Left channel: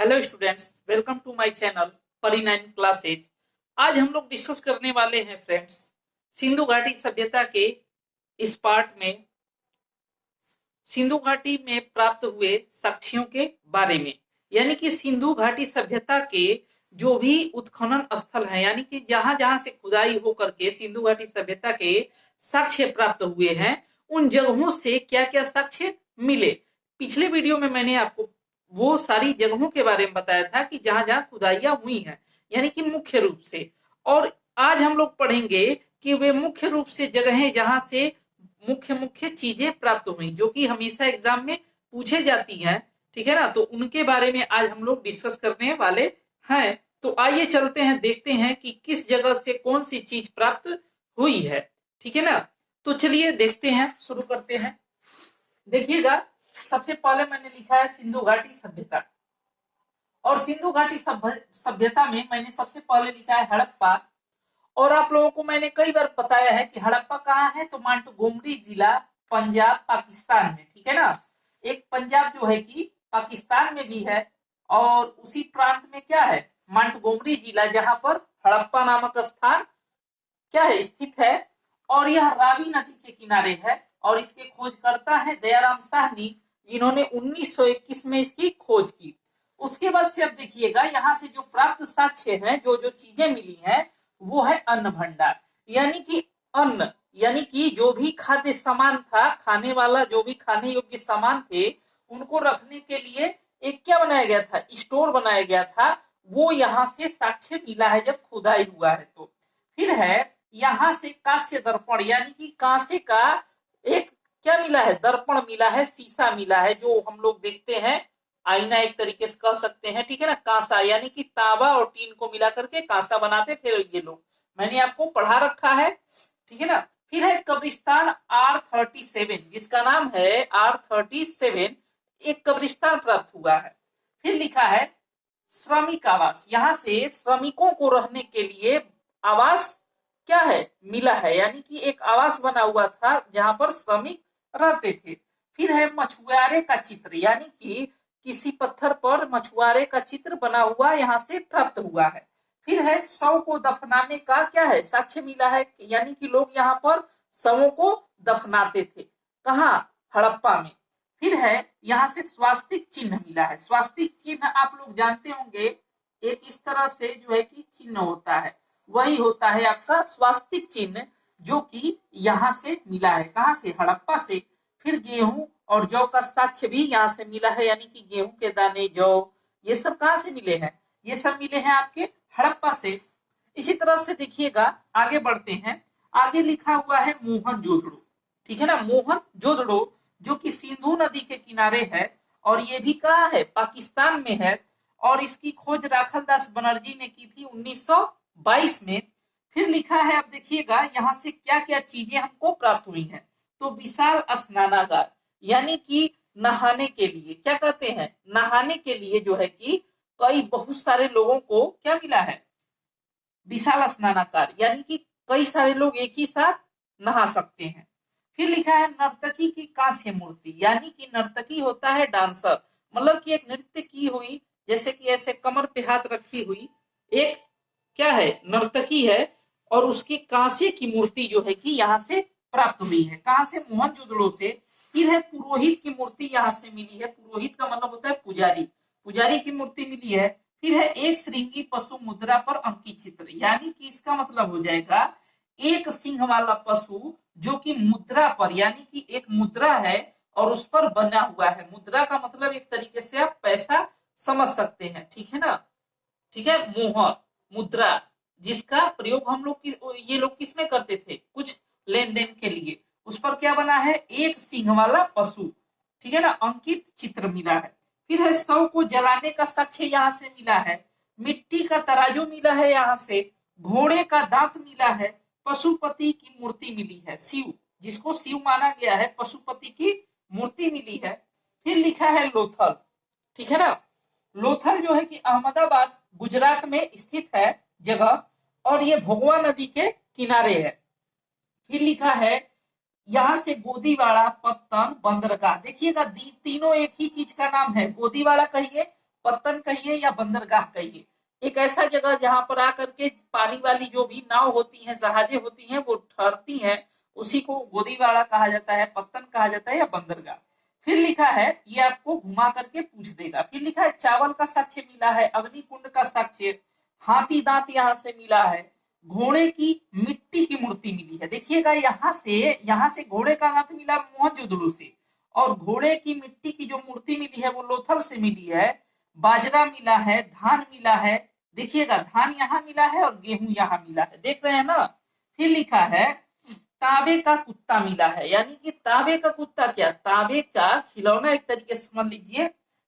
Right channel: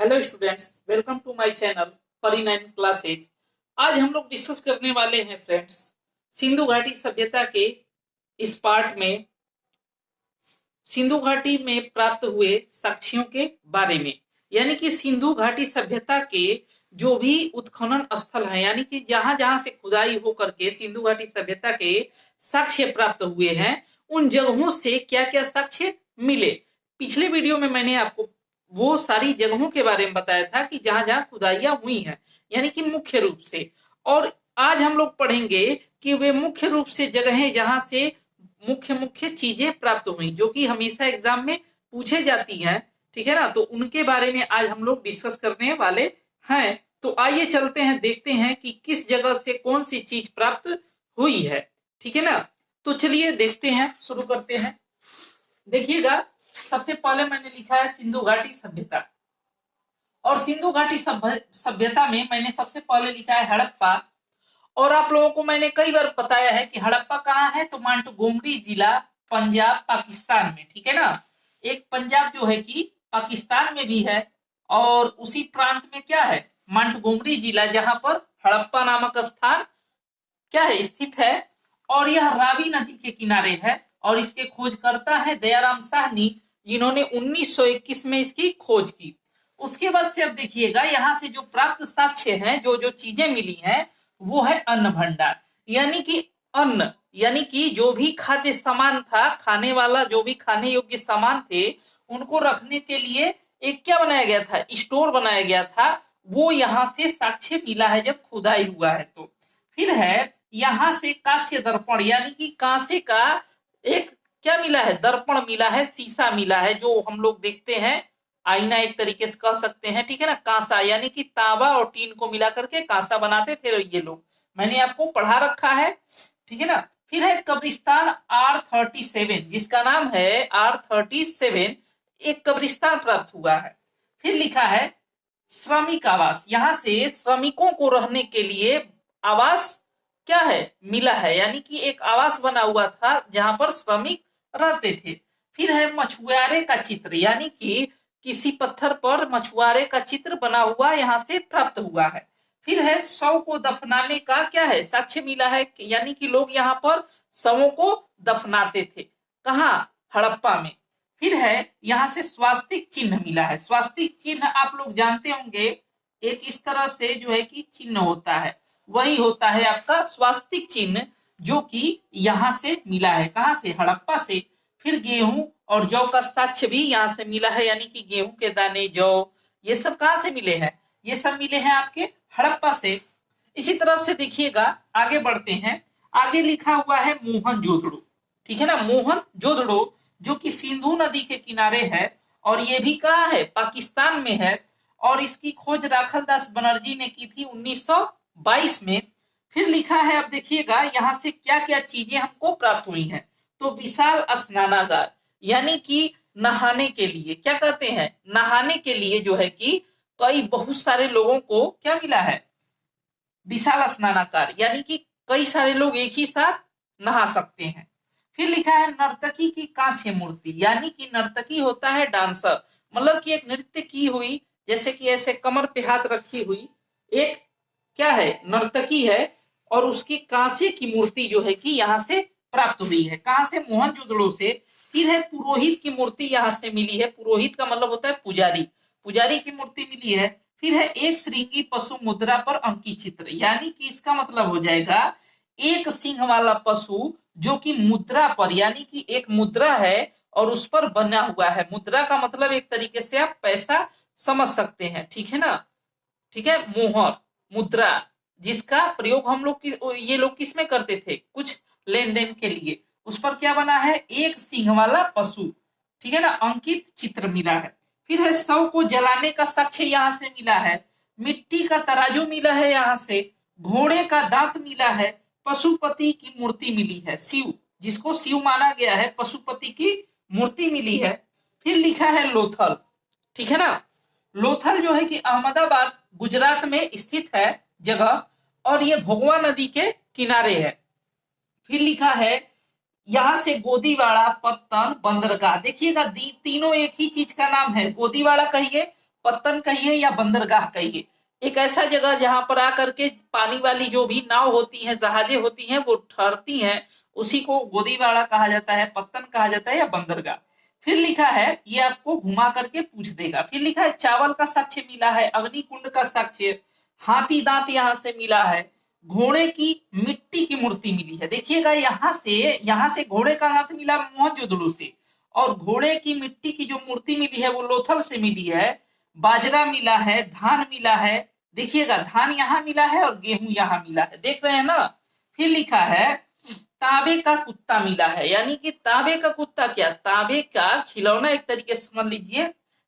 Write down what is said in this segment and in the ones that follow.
Hello students, welcome to my channel Pari 9 classes. आज हम लोग डिस्कस करने वाले हैं फ्रेंड्स सिंधु घाटी सभ्यता के इस पार्ट में सिंधु घाटी में प्राप्त हुए साक्ष्यों के बारे में। यानी कि सिंधु घाटी सभ्यता के जो भी उत्खनन स्थल है, यानी कि जहां जहां से खुदाई होकर के सिंधु घाटी सभ्यता के साक्ष्य प्राप्त हुए हैं, उन जगहों से क्या क्या साक्ष्य मिले। पिछले वीडियो में मैंने आपको वो सारी जगहों के बारे में बताया था कि जहां जहां खुदाइयां हुई हैं, यानी कि मुख्य रूप से। और आज हम लोग पढ़ेंगे कि वे मुख्य रूप से जगहें जहां से मुख्य मुख्य चीजें प्राप्त हुई, जो कि हमेशा एग्जाम में पूछे जाती हैं। ठीक है ना, तो उनके बारे में आज हम लोग डिस्कस करने वाले हैं। तो आइए चलते हैं, देखते हैं कि किस जगह से कौन सी चीज प्राप्त हुई है। ठीक है ना, तो चलिए देखते हैं, शुरू करते हैं। देखिएगा, सबसे पहले मैंने लिखा है सिंधु घाटी सभ्यता। और सिंधु घाटी सभ्यता में मैंने सबसे पहले लिखा है हड़प्पा। और आप लोगों को मैंने कई बार बताया है कि हड़प्पा कहाँ है, तो मांटगोमरी जिला, पंजाब, पाकिस्तान में। ठीक है ना, एक पंजाब जो है कि पाकिस्तान में भी है, और उसी प्रांत में क्या है, मांटगोमरी जिला, जहां पर हड़प्पा नामक स्थान क्या है, स्थित है। और यह रावी नदी के किनारे है, और इसके खोजकर्ता है दयाराम साहनी, जिन्होंने 1921 में इसकी खोज की। उसके बाद से अब देखिएगा, यहाँ से जो प्राप्त साक्ष्य हैं, जो जो चीजें मिली हैं, वो है अन्न भंडार। यानी कि अन्न, यानी कि जो भी खाद्य सामान था, खाने वाला जो भी खाने योग्य सामान थे, उनको रखने के लिए एक क्या बनाया गया था, स्टोर बनाया गया था। वो यहाँ से साक्ष्य मिला है जब खुदाई हुआ है। तो फिर है यहां से कांस्य दर्पण, यानी कि कांसे का एक क्या मिला है, दर्पण मिला है, शीशा मिला है, जो हम लोग देखते हैं, आईना एक तरीके से कह सकते हैं। ठीक है ना, कांसा यानी कि तांबा और टीन को मिला करके कांसा बनाते थे ये लोग, मैंने आपको पढ़ा रखा है। ठीक है ना, फिर है कब्रिस्तान R37, जिसका नाम है R37, एक कब्रिस्तान प्राप्त हुआ है। फिर लिखा है श्रमिक आवास, यहां से श्रमिकों को रहने के लिए आवास क्या है, मिला है। यानी कि एक आवास बना हुआ था जहां पर श्रमिक रहते थे। फिर है मछुआरे का चित्र, यानी कि किसी पत्थर पर मछुआरे का चित्र बना हुआ यहाँ से प्राप्त हुआ है। फिर है शव को दफनाने का क्या है, साक्ष्य मिला है, यानी कि लोग यहाँ पर शवों को दफनाते थे। कहाँ, हड़प्पा में। फिर है यहाँ से स्वास्तिक चिन्ह मिला है। स्वास्तिक चिन्ह आप लोग जानते होंगे, एक इस तरह से जो है कि चिन्ह होता है, वही होता है आपका स्वास्तिक चिन्ह, जो कि यहाँ से मिला है। कहाँ से, हड़प्पा से। फिर गेहूं और जौ का साक्ष्य भी यहाँ से मिला है, यानी कि गेहूं के दाने, जौ, ये सब कहाँ से मिले हैं, ये सब मिले हैं आपके हड़प्पा से। इसी तरह से देखिएगा, आगे बढ़ते हैं। आगे लिखा हुआ है मोहनजोदड़ो। ठीक है ना, मोहनजोदड़ो जो कि सिंधु नदी के किनारे है, और ये भी कहाँ है, पाकिस्तान में है। और इसकी खोज राखल दास बनर्जी ने की थी 1922 में। फिर लिखा है, अब देखिएगा यहाँ से क्या क्या चीजें हमको प्राप्त हुई हैं। तो विशाल स्नानागार, यानी कि नहाने के लिए, क्या कहते हैं, नहाने के लिए जो है कि कई बहुत सारे लोगों को क्या मिला है, विशाल स्नानागार, यानी कि कई सारे लोग एक ही साथ नहा सकते हैं। फिर लिखा है नर्तकी की कांस्य मूर्ति, यानी कि नर्तकी होता है डांसर, मतलब कि एक नृत्य की हुई, जैसे कि ऐसे कमर पे हाथ रखी हुई एक क्या है, नर्तकी है, और उसकी कांसे की मूर्ति जो है कि यहाँ से प्राप्त हुई है। कहां से, मोहनजोदड़ो से। फिर है पुरोहित की मूर्ति यहाँ से मिली है। पुरोहित का मतलब होता है पुजारी, पुजारी की मूर्ति मिली है। फिर है एक श्रृंगी पशु मुद्रा पर अंकित चित्र, यानी कि इसका मतलब हो जाएगा एक सिंह वाला पशु जो कि मुद्रा पर, यानी कि एक मुद्रा है और उस पर बना हुआ है। मुद्रा का मतलब एक तरीके से आप पैसा समझ सकते हैं। ठीक है ना, ठीक है, मोहर, मुद्रा, जिसका प्रयोग हम लोग ये लोग किस में करते थे, कुछ लेन देन के लिए। उस पर क्या बना है, एक सिंह वाला पशु। ठीक है ना, अंकित चित्र मिला है। फिर है शव को जलाने का साक्ष्य यहाँ से मिला है। मिट्टी का तराजू मिला है यहाँ से। घोड़े का दांत मिला है। पशुपति की मूर्ति मिली है, शिव, जिसको शिव माना गया है, पशुपति की मूर्ति मिली है। फिर लिखा है लोथल। ठीक है ना, लोथल जो है कि अहमदाबाद गुजरात में स्थित है जगह, और ये भोगवा नदी के किनारे है। फिर लिखा है यहां से गोदीवाड़ा, पत्तन, बंदरगाह। देखिएगा तीनों एक ही चीज का नाम है, गोदीवाड़ा कहिए, पत्तन कहिए या बंदरगाह कहिए, एक ऐसा जगह जहां पर आकर के पानी वाली जो भी नाव होती हैं, जहाजें होती हैं, वो ठहरती हैं, उसी को गोदीवाड़ा कहा जाता है, पत्तन कहा जाता है या बंदरगाह। फिर लिखा है, ये आपको घुमा करके पूछ देगा। फिर लिखा है चावल का साक्ष्य मिला है, अग्निकुंड का साक्ष्य, हाथी दांत यहाँ से मिला है, घोड़े की मिट्टी की मूर्ति मिली है। देखिएगा यहाँ से घोड़े का दांत मिला मोहनजोदड़ो से, और घोड़े की मिट्टी की जो मूर्ति मिली है वो लोथल से मिली है। बाजरा मिला है, धान मिला है, देखिएगा धान यहाँ मिला है और गेहूं यहाँ मिला है, देख रहे हैं ना। फिर लिखा है तांबे का कुत्ता मिला है, यानी कि तांबे का कुत्ता क्या, तांबे का खिलौना एक तरीके से समझ लीजिए।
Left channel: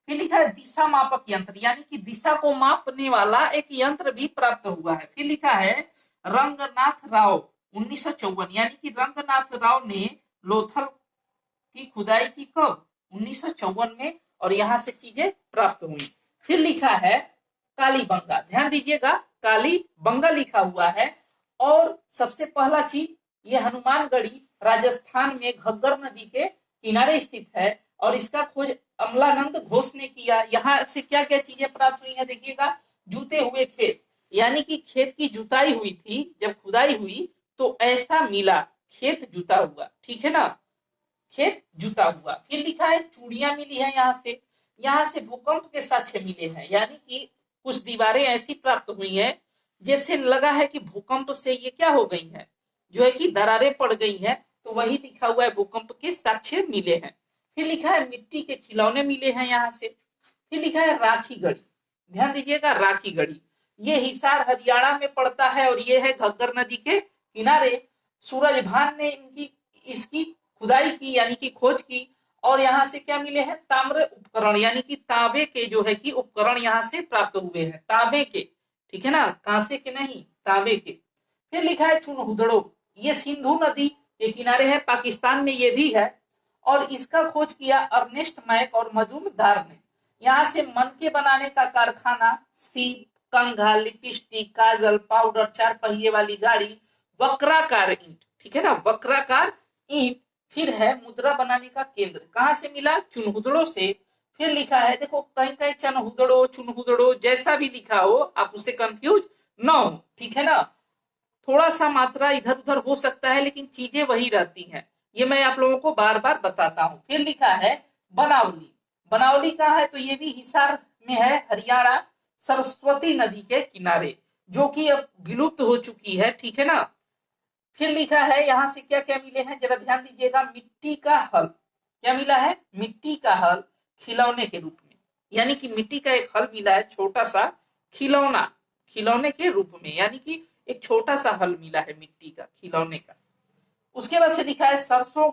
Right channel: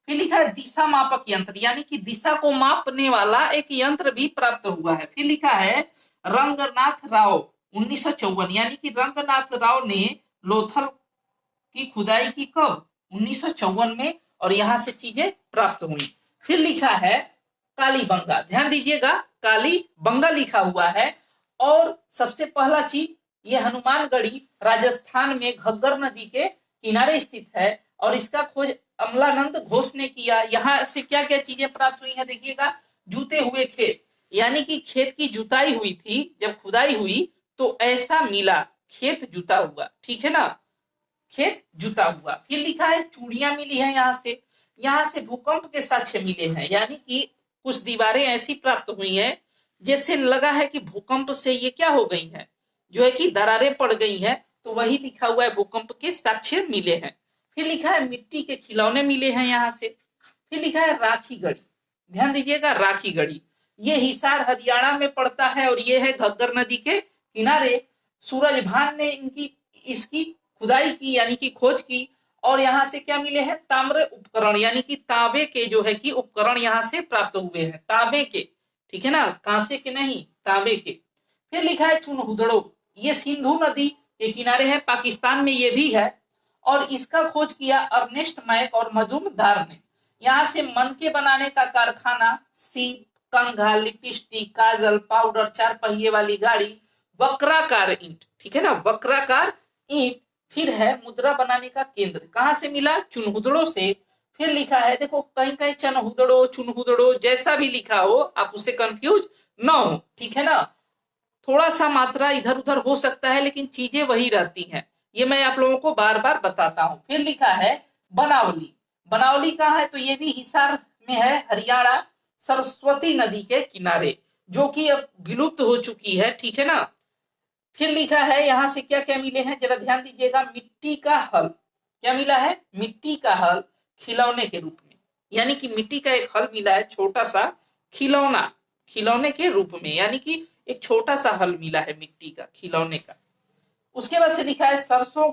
फिर लिखा है दिशा मापक यंत्र, यानी कि दिशा को मापने वाला एक यंत्र भी प्राप्त हुआ है। फिर लिखा है रंगनाथ राव 1954, यानी कि रंगनाथ राव ने लोथल की खुदाई की कब, 1954 में, और यहां से चीजें प्राप्त हुई। फिर लिखा है कालीबंगा, ध्यान दीजिएगा कालीबंगा लिखा हुआ है। और सबसे पहला चीज, ये हनुमानगढ़ी राजस्थान में घग्गर नदी के किनारे स्थित है, और इसका खोज अमलानंद घोष ने किया। यहाँ से क्या क्या चीजें प्राप्त हुई है, देखिएगा जूते हुए खेत, यानी कि खेत की जुताई हुई थी, जब खुदाई हुई तो ऐसा मिला, खेत जुता हुआ, ठीक है ना, खेत जुता हुआ। फिर लिखा है चूड़ियां मिली है यहाँ से भूकंप के साक्ष्य मिले हैं, यानी कि कुछ दीवारें ऐसी प्राप्त हुई हैं जैसे लगा है कि भूकंप से ये क्या हो गई है, जो है कि दरारें पड़ गई हैं, तो वही लिखा हुआ है भूकंप के साक्ष्य मिले हैं। फिर लिखा है मिट्टी के खिलौने मिले हैं यहाँ से। फिर लिखा है राखी गढ़ी, ध्यान दीजिएगा राखी गढ़ी, ये हिसार हरियाणा में पड़ता है और ये है घग्गर नदी के किनारे। सूरजभान ने इसकी खुदाई की, यानी कि खोज की, और यहाँ से क्या मिले हैं ताम्र उपकरण, यानी कि तांबे के जो है कि उपकरण यहाँ से प्राप्त हुए हैं, तांबे के, ठीक है ना, कांसे के नहीं, तांबे के। फिर लिखा है चुनहुदड़ो, ये सिंधु नदी के किनारे है, पाकिस्तान में ये भी है, और इसका खोज किया अर्नेस्ट मैक और मजूमदार ने। यहाँ से मन के बनाने का कारखाना, सीप, कंघा, लिपस्टिक, काजल, पाउडर, 4 पहिए वाली गाड़ी, वक्राकार ईंट, ठीक है ना, वक्राकार ईंट। फिर है मुद्रा बनाने का केंद्र, कहां से मिला, चुनहुदड़ो से। फिर लिखा है, देखो कहीं कहीं चनहुदड़ो, चुनहुदड़ो, जैसा भी लिखा हो आप उससे कंफ्यूज ना हो, ठीक है ना, थोड़ा सा मात्रा इधर उधर हो सकता है लेकिन चीजें वही रहती हैं, ये मैं आप लोगों को बार बार बताता हूं। फिर लिखा है बनावली, बनावली कहाँ है, तो ये भी हिसार में है, हरियाणा, सरस्वती नदी के किनारे, जो कि अब विलुप्त हो चुकी है, ठीक है ना। फिर लिखा है यहाँ से क्या क्या मिले हैं, जरा ध्यान दीजिएगा, मिट्टी का हल, क्या मिला है, मिट्टी का हल खिलौने के रूप में, यानी कि मिट्टी का एक हल मिला है, छोटा सा खिलौना, खिलौने के रूप में, यानी कि एक छोटा सा हल मिला है मिट्टी का, खिलौने का। उसके बाद से लिखा है सरसों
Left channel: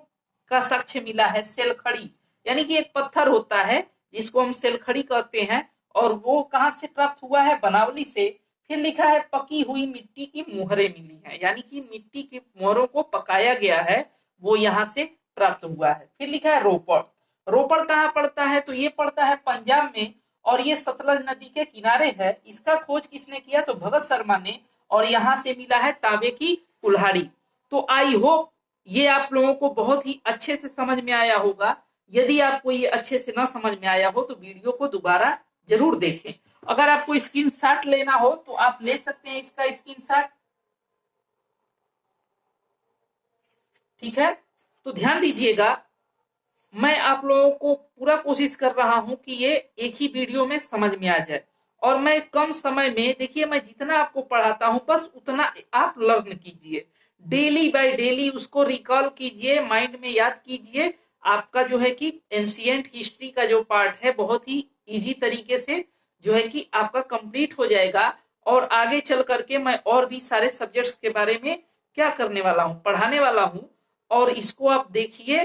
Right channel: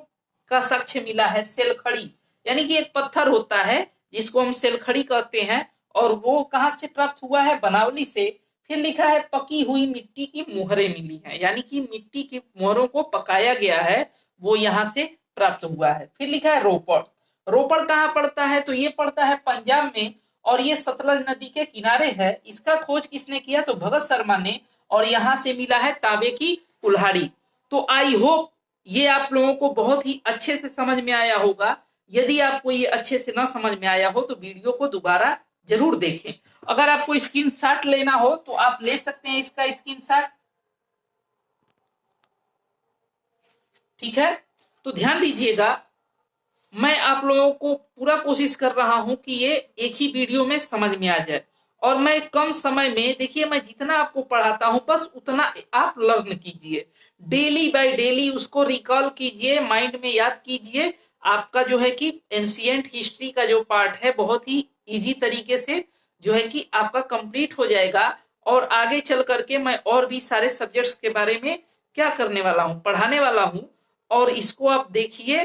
का साक्ष्य मिला है, सेलखड़ी, यानी कि एक पत्थर होता है जिसको हम सेलखड़ी कहते हैं, और वो कहां से प्राप्त हुआ है, बनावली से। फिर लिखा है पकी हुई मिट्टी की मोहरें मिली हैं, यानी कि मिट्टी की मोहरों को पकाया गया है, वो यहाँ से प्राप्त हुआ है। फिर लिखा है रोपड़, रोपड़ कहाँ पड़ता है, तो ये पड़ता है पंजाब में, और ये सतलज नदी के किनारे है। इसका खोज किसने किया, तो भगत शर्मा ने, और यहाँ से मिला है तांबे की कुल्हाड़ी। तो आई होप ये आप लोगों को बहुत ही अच्छे से समझ में आया होगा। यदि आपको ये अच्छे से ना समझ में आया हो तो वीडियो को दोबारा जरूर देखें। अगर आपको स्क्रीनशॉट लेना हो तो आप ले सकते हैं इसका स्क्रीनशॉट, ठीक है। तो ध्यान दीजिएगा, मैं आप लोगों को पूरा कोशिश कर रहा हूं कि ये एक ही वीडियो में समझ में आ जाए, और मैं कम समय में, देखिए मैं जितना आपको पढ़ाता हूं बस उतना आप लर्न कीजिए, डेली बाय डेली उसको रिकॉल कीजिए, माइंड में याद कीजिए। आपका जो है कि एंशिएंट हिस्ट्री का जो पार्ट है बहुत ही इजी तरीके से जो है कि आपका कंप्लीट हो जाएगा, और आगे चल करके मैं और भी सारे सब्जेक्ट्स के बारे में क्या करने वाला हूं, पढ़ाने वाला हूं। और इसको आप देखिए,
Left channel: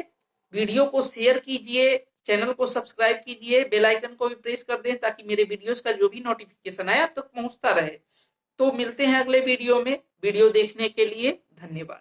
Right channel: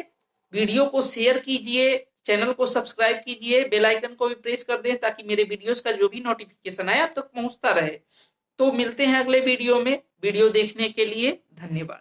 वीडियो को शेयर कीजिए, चैनल को सब्सक्राइब कीजिए, बेल आइकन को भी प्रेस कर दें ताकि मेरे वीडियोस का जो भी नोटिफिकेशन आए आप तक पहुंचता रहे। तो मिलते हैं अगले वीडियो में, वीडियो देखने के लिए धन्यवाद।